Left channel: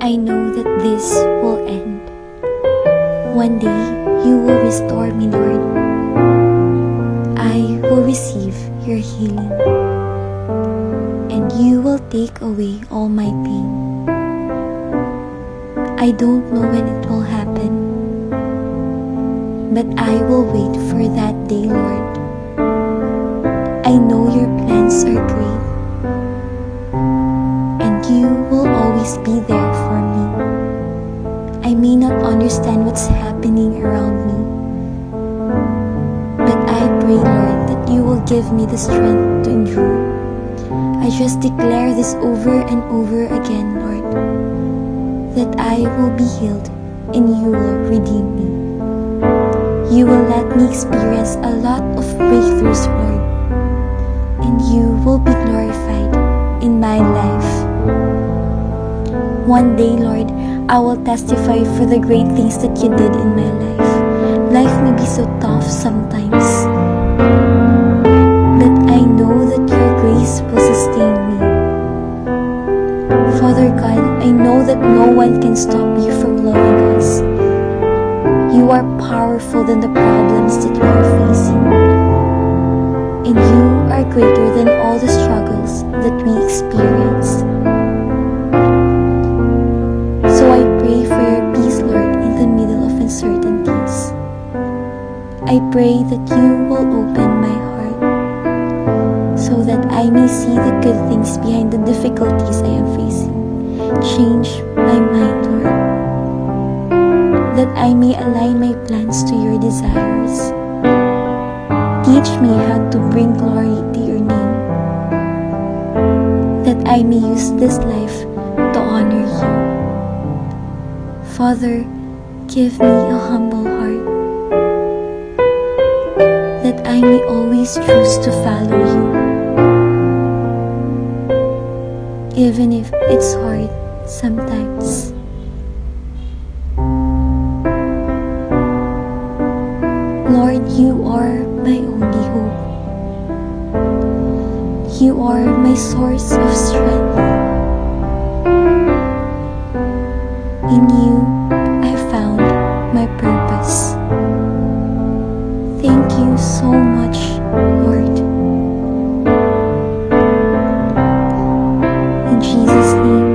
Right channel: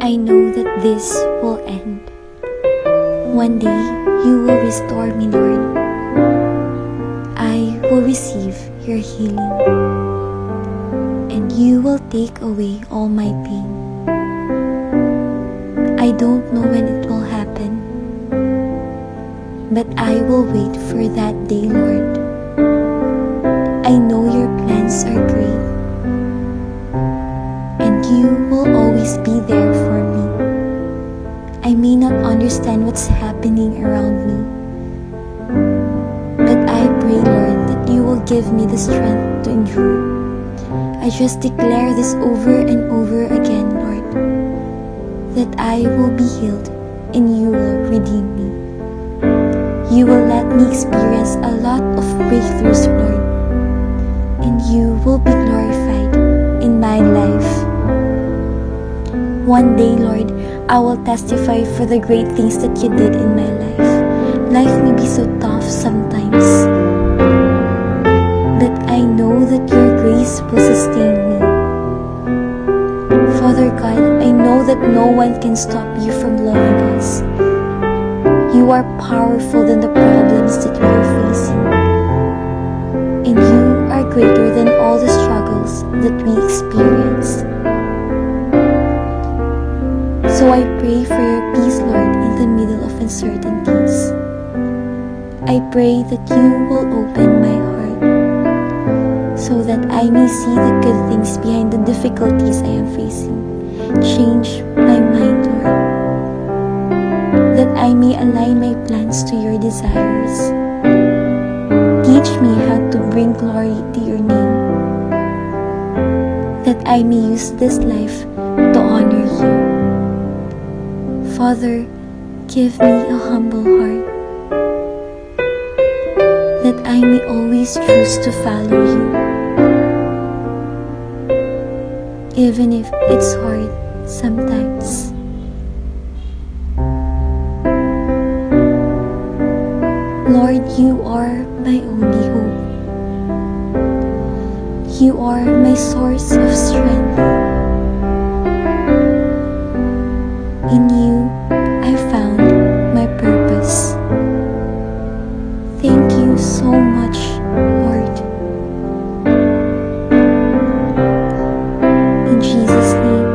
I know that this will end. One day, you will restore me, Lord. I will receive your healing, and you will take away all my pain. I don't know when it will happen, but I will wait for that day, Lord. I know your plans are great, and you will always be there for me. I may not understand what's happening around me, but I pray, Lord, that you will give me the strength to endure. I just declare this over and over again, Lord, that I will be healed and you will redeem me. You will let me experience a lot of breakthroughs, Lord, and you will be glorified in my life. One day, Lord, I will testify for the great things that you did in my life. Life may be so tough sometimes, but I know that your grace will sustain me. Father God, I know that no one can stop you from loving us. You are powerful than the problems that we are facing, and you are greater than all the struggles that we experience. So I pray for your peace, Lord, in the middle of uncertainties. I pray that you will open my heart so that I may see the good things behind the difficulties I am facing. Change my mind, Lord, that I may align my plans to your desires. Teach me how to bring glory to your name, that I may use this life to honor you. Father, give me a humble heart, that I may always choose to follow you, even if it's hard sometimes. Lord, you are my only hope. You are my source of strength. In you, I found my purpose. Thank you so much, Lord. In Jesus' name,